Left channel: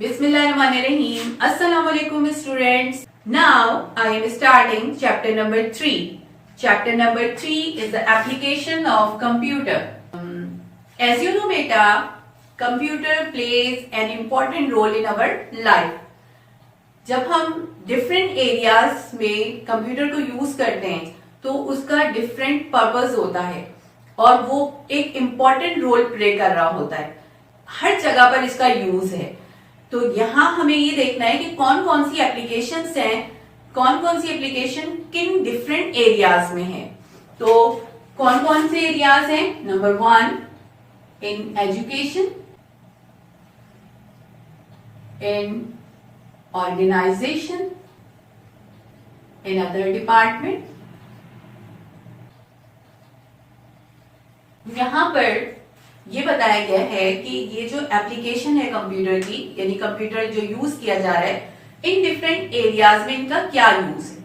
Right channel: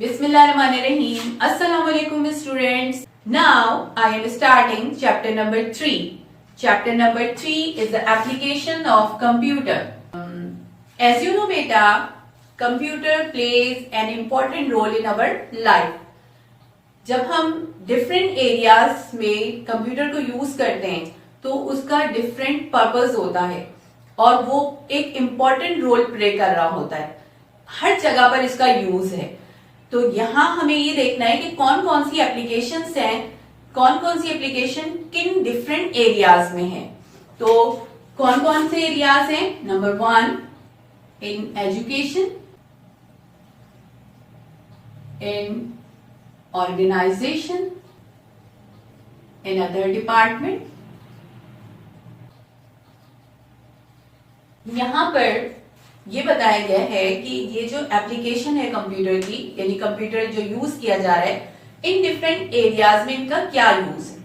Bismillahirrahmanirrahim. Assalamu alaikum students. Now I am starting chapter number 3. Chapter number 3 is the application of computer. As you know beta, computer plays an important role in our life. जब हम different areas में computer को use करते हैं तो उसका different purpose होता है और वो एक इम्पॉर्टेंट रोल प्ले कर रहा होता है। हर जगह पर इसका यूज है। तो यहाँ हमें ये देखना है कि कौन कौन सी एप्लीकेशंस हैं, कौन कौन सी एप्लीकेशन किन डिफरेंट एरियाज में है। तो कौन कौन से एरियाज हैं? Number 1 in education, in organization, in other department. यहां पर ये बताया गया है कि ये जो एप्लीकेशन है कंप्यूटर की, यानी कंप्यूटर जो यूज किया जा रहा है, इन डिफरेंट एरियाज में इनका क्या यूज है।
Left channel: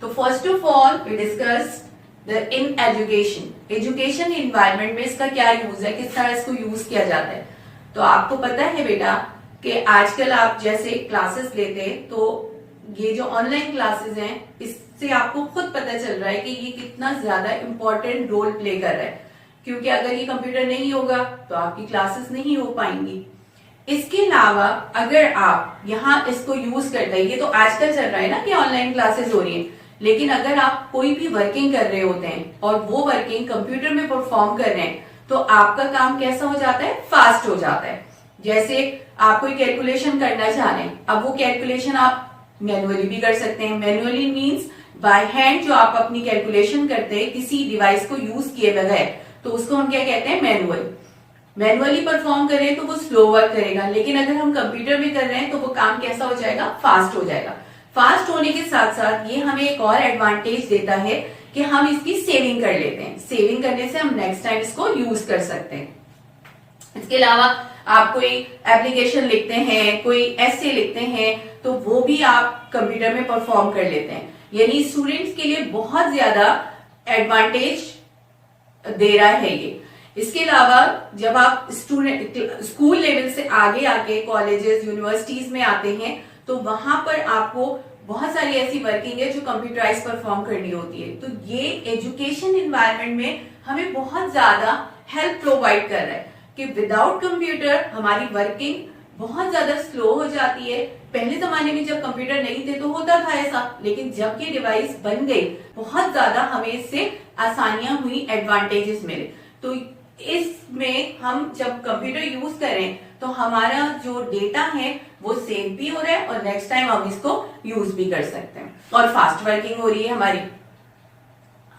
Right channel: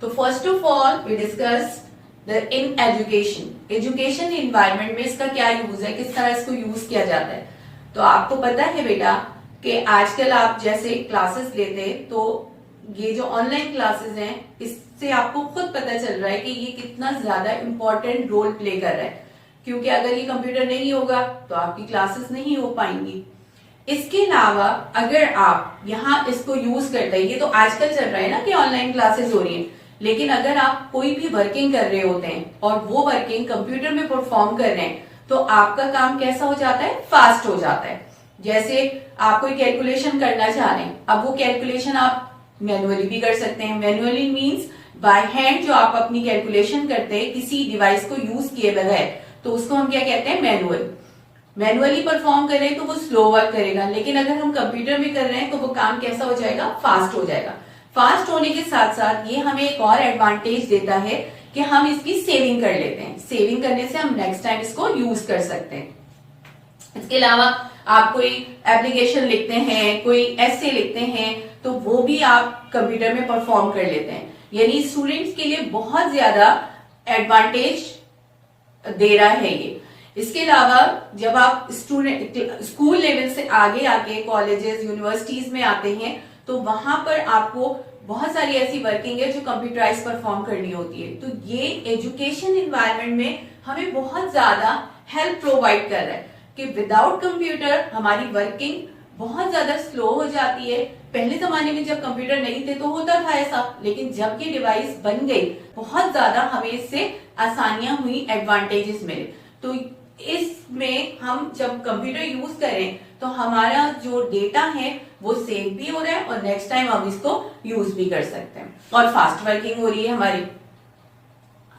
तो first of all we discuss the in education. Education environment में इसका क्या यूज है, किस तरह इसको यूज किया जाता है। तो आपको पता है बेटा कि आजकल आप जैसे क्लासेस लेते हैं तो ये जो ऑनलाइन क्लासेस हैं इससे आपको खुद पता चल रहा है कि ये कितना ज्यादा इंपॉर्टेंट रोल प्ले कर रहा है, क्योंकि अगर ये कंप्यूटर नहीं होगा तो आपकी क्लासेस नहीं हो पाएंगी। इसके अलावा अगर आप यहाँ इसको यूज करते हैं, ये तो आजकल चल रहा है ना कि ऑनलाइन क्लासेस हो रही है, लेकिन अगर आप कोई भी वर्किंग कर रहे होते हैं और वो वर्किंग कंप्यूटर में परफॉर्म कर रहे हैं तो आपका काम कैसा हो जाता है, फास्ट हो जाता है। जैसे आप कोई कैलकुलेशन करना चाह रहे हैं, अब वो कैलकुलेशन आप मैनुअली भी कर सकते हैं। मैनुअली मीन्स बाय हैंड जो आप अपनी कैलकुलेशन करते हैं किसी डिवाइस को यूज किए बगैर, तो उसको हम क्या कहते हैं, मैनुअली परफॉर्म करें तो वो स्लो वर्क करेगा, लेकिन अगर हम कंप्यूटर में कर रहे हैं तो वो काम कैसा हो जाएगा, फास्ट हो जाएगा। फास्ट होने के साथ साथ ये हमें एक और एडवांटेज देता है कि हम इसकी सेविंग कर लेते हैं। सेविंग करने से हम नेक्स्ट टाइम इसको यूज कर सकते हैं। इसके अलावा आप कोई एप्लीकेशन लिखते हैं, कोई एसे लिखते हैं, तो वो भी आप कंप्यूटर में परफॉर्म कर लेते हैं। यानी स्टूडेंट्स के लिए बहुत ज्यादा एडवांटेज दे रहा है ये। इसके अलावा जब आप स्कूल लेवल से आगे आके कॉलेजेस, यूनिवर्सिटीज में आते हैं तो वहां पर आपको बहुत सारी ऐसी वर्किंग है जो कंप्यूटराइज परफॉर्म करनी होती है। तो ये एजुकेशन एनवायरनमेंट में हमें बहुत ज्यादा हेल्प प्रोवाइड कर रहा है कि विदाउट कंप्यूटर हमारी वर्किंग बहुत ज्यादा स्लो हो जाती है। पहले जमाने में जब कंप्यूटर नहीं थे तो होता था ऐसा, लेकिन जब ये डिवाइस बन गई बहुत ज्यादा हमें इससे आसानियां हुई, एडवांटेजेस मिले। तो इसमें हम जब कंप्यूटर यूज करें तो हमारा जो डेटा है वो सेव भी हो रहा है और नेक्स्ट टाइम हम इसको यूज भी कर सकते हैं और फास्ट वर्किंग हो रही है हमारी।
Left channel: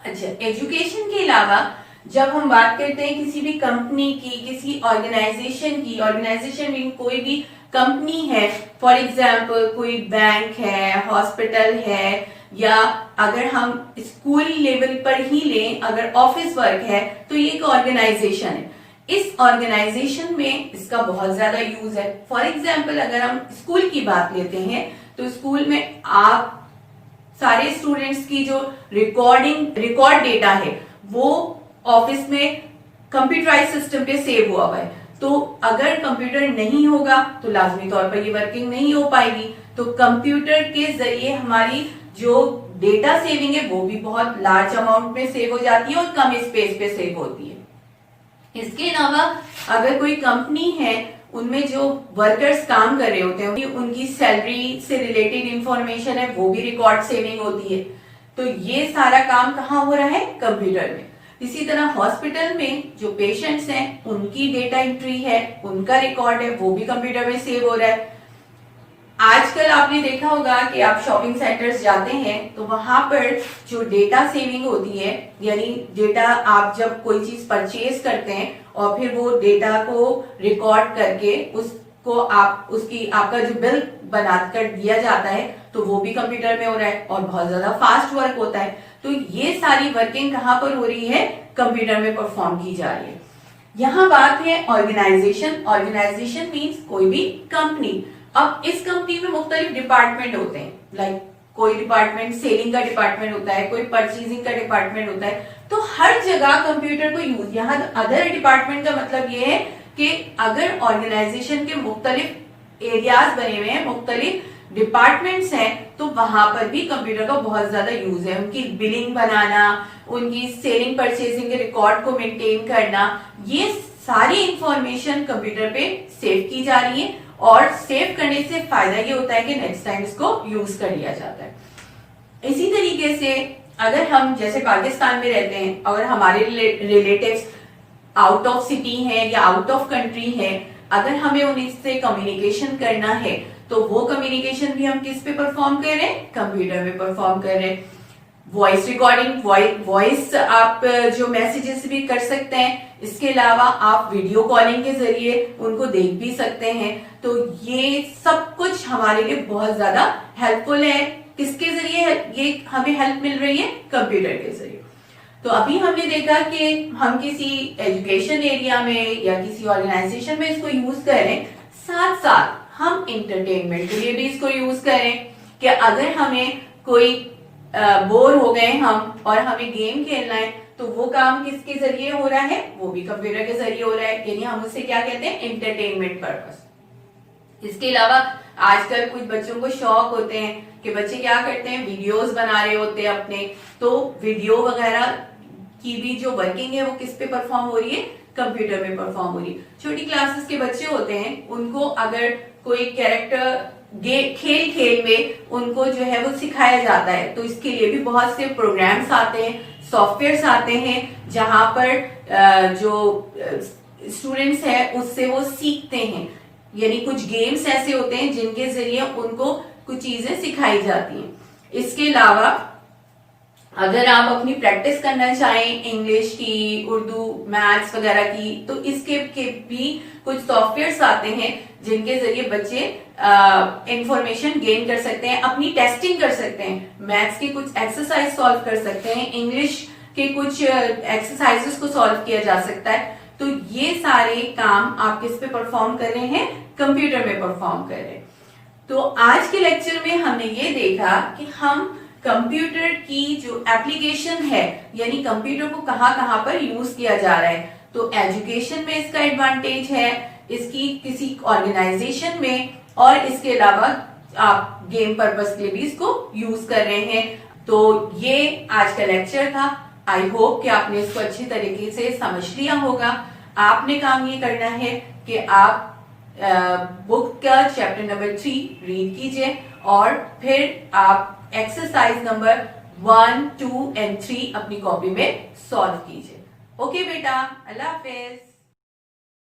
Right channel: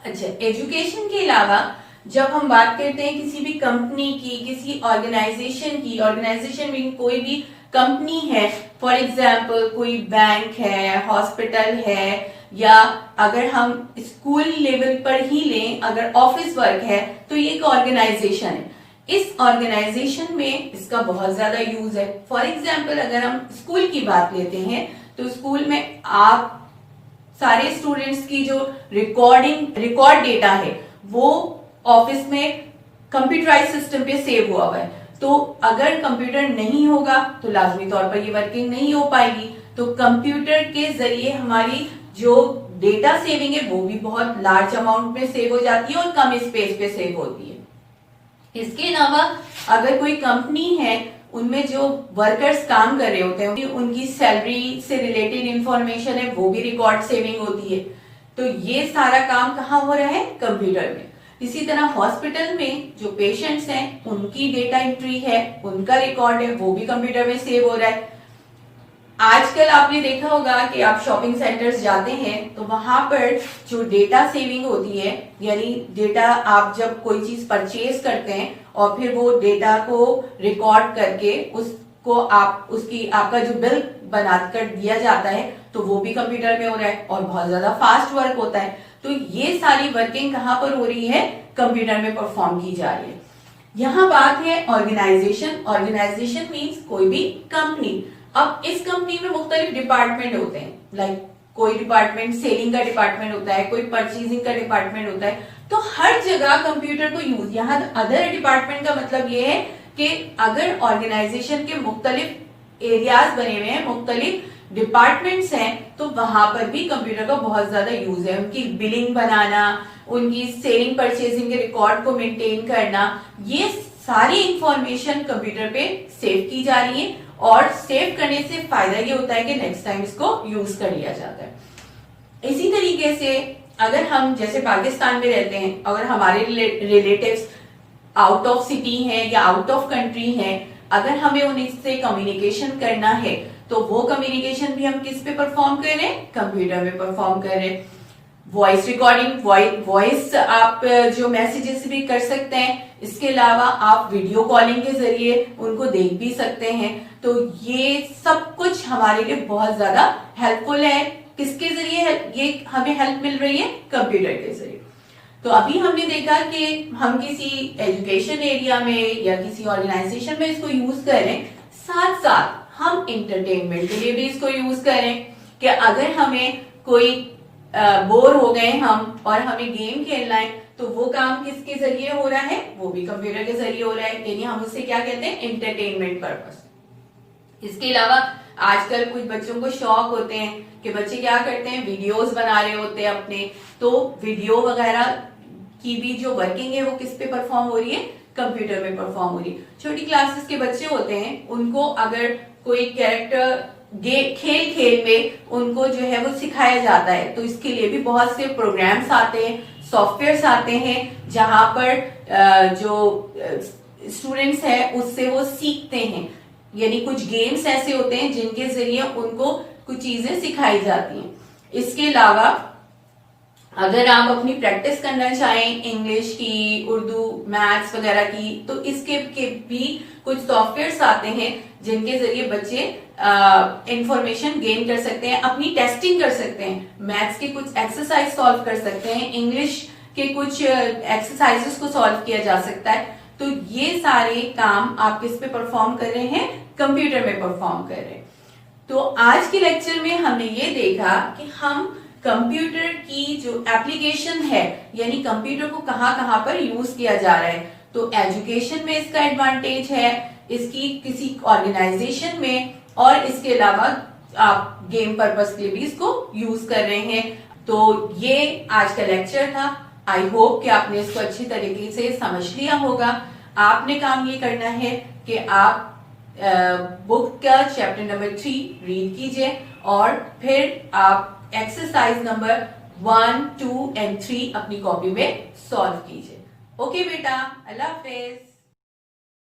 अच्छा, एजुकेशन के अलावा जब हम बात करते हैं किसी भी कंपनी की, किसी ऑर्गेनाइजेशन की, ऑर्गेनाइजेशन में कोई भी कंपनी है, फॉर एग्जाम्पल कोई बैंक है, हॉस्पिटल है, या अगर हम स्कूल लेवल पर ही लें, अगर ऑफिस वर्क है तो ये एक ऑर्गेनाइजेशन है। इस ऑर्गेनाइजेशन में इसका बहुत ज्यादा यूज है। फॉर एग्जाम्पल अगर हम स्कूल की बात लेते हैं तो स्कूल में आप सारे स्टूडेंट्स की जो रिकॉर्ड डेटा है वो ऑफिस में कंप्यूटराइज सिस्टम पे सेव हुआ है। तो अगर कंप्यूटर नहीं होगा तो लाजमी तौर पर ये वर्किंग नहीं हो पाएगी। तो कंप्यूटर के जरिए हमारी जो डेटा सेविंग है वो भी बहुत लार्ज अमाउंट में सेव हो जाती है और कम स्पेस पे सेव होती है। इसके अलावा अगर कोई कंपनी है, उनमें जो वर्कर्स काम कर रहे होते हैं उनकी सैलरी से रिलेटेड इंफॉर्मेशन है वो भी रिकॉर्ड सेविंग होती है। तो ये सारा काम कहाँ हो रहा है, कंप्यूटर में। इसी तरह हॉस्पिटल में जो पेशेंट्स हैं उनकी डेटा एंट्री है, उनका रिकॉर्ड है, वो भी कंप्यूटर में सेव हो रहा है। आजकल आपने देखा होगा कि आप शॉपिंग सेंटर्स जाते हैं तो वहां पर जो डेटा सेविंग होती है, यानी डेटा आप जब कोई चीज परचेज करते हैं और फिर वो डेटा को रिकॉर्ड करके उसको आपका जो बिल बनाकर दिया जाता है तो वो भी कंप्यूटर में हो रहा है और बहुत ज्यादा फास्ट वर्क होता है। तो ये सारी वर्किंग कहाँ पर हो रही है, कंप्यूटर में परफॉर्म की जा रही है। यहाँ बात है ऑर्गेनाइजेशन। ऑर्गेनाइजेशन मीन्स कोई भी कंपनी। अब इस कंपनी में मुख्तलिफ डिपार्टमेंट होते हैं, लाइक कोई डिपार्टमेंट सेलिंग का डिपार्टमेंट होता है, कोई परचेजिंग का डिपार्टमेंट होता है। तो हर जगह कंप्यूटर को यूज, यहाँ अदर डिपार्टमेंट का मतलब ये है कि अगर ऑर्गेनाइजेशन के मुख्तलिफ एरियाज बने हुए हैं, मुख्तलिफ डिपार्टमेंट्स हैं, तो वहां पर भी कंप्यूटर का बहुत ज्यादा यूज है। उनकी बिलिंग बनाना, उनकी सेलिंग परचेजिंग के रिकॉर्ड को मेंटेन करना, ये सारी इंफॉर्मेशन कंप्यूटर पे सेव की जा रही है और सेव करने से फायदा ये होता है कि नेक्स्ट टाइम इसको यूज कर लिया जाता है। इसी तरीके से अगर हम जैसे पाकिस्तान में रहते हैं, अगर हमारे रिलेटिव्स आउट ऑफ सिटी हैं या आउट ऑफ कंट्री हैं, अगर हमें उनसे कम्युनिकेशन करना है तो वो कम्युनिकेशन भी हम किस पे परफॉर्म कर रहे हैं, कंप्यूटर में परफॉर्म कर रहे हैं। वॉइस रिकॉर्डिंग, वॉइस आप जो मैसेजेस भी कर सकते हैं, इसके अलावा आप वीडियो कॉलिंग के जरिए उनको देख भी सकते हैं। तो ये सब कुछ हमारे लिए बहुत ज्यादा हेल्पफुल है। किसके जरिए ये हमें हेल्प मिल रही है, कंप्यूटर के जरिए। तो अभी हमने देखा कि हम किसी एजुकेशन एरिया में या किसी ऑर्गेनाइजेशन में इसको यूज करें, साथ साथ हम इंटरटेनमेंट के लिए भी इसको यूज करें कि अगर हमें कोई बोर हो गए हम और हमें गेम खेलना है तो वो काम किसके जरिए हो रहा है, वो भी कंप्यूटर के जरिए हो रहा है। यानी हम उससे क्या कहते हैं, इंटरटेनमेंट पर्पस। इसके अलावा आजकल कुछ बच्चों को शौक होते हैं कि बच्चे क्या करते हैं, वीडियोस बना रहे होते हैं अपने, तो वीडियो वगैरह की भी जो वर्किंग है वो किस पे परफॉर्म हो रही है, कंप्यूटर में परफॉर्म हो रही है। छोटी क्लासेस के बच्चे होते हैं, उनको अगर कोई कैरेक्टर खेल खेल में उनको जो है वो सिखाया जाता है, तो इसके लिए भी बहुत से प्रोग्राम्स आते हैं, सॉफ्टवेयर्स आते हैं, जहां पर जो स्टूडेंट्स हैं उससे वो सीखते हैं। यानी कुछ गेम्स ऐसे होते हैं जिनके जरिए उनको कुछ चीजें सिखाई जाती हैं। इसके अलावा अगर आप अपनी प्रैक्टिस करना चाहें इंग्लिश की, उर्दू, मैथ्स वगैरह की, तो इसके के भी कुछ सॉफ्टवेयर्स आते हैं जिनके जरिए बच्चे इंफॉर्मेशन गेन कर सकते हैं, अपनी टेस्टिंग कर सकते हैं, मैथ्स की कुछ एक्सरसाइज सॉल्व कर सकते हैं, इंग्लिश के कुछ एक्सरसाइजेस को सॉल्व किया जा सकता है। तो ये सारे काम आप किस पे परफॉर्म कर रहे हैं, कंप्यूटर में परफॉर्म कर रहे हैं। तो आज के लेक्चर में हमने ये देखा कि हम कंप्यूटर की जो एप्लीकेशन है, यानी कंप्यूटर को कहां कहां पर यूज किया जा रहा है। तो एजुकेशन में इसका एडवांटेज है, इसकी किसी ऑर्गेनाइजेशन में, और इसके अलावा आप गेम पर्पस के लिए भी इसको यूज कर रहे हैं। तो ये आज का लेक्चर था। आई होप कि आपने इसको अच्छी तरीके से समझ लिया होगा। आपने काम ये करना है कि आप बुक का चैप्टर नंबर 3 रीड कीजिए और फिर आप एक्सरसाइज नंबर 1, 2 और 3 अपनी कॉपी में सॉल्व कीजिए। ओके बेटा, अल्लाह हाफिज।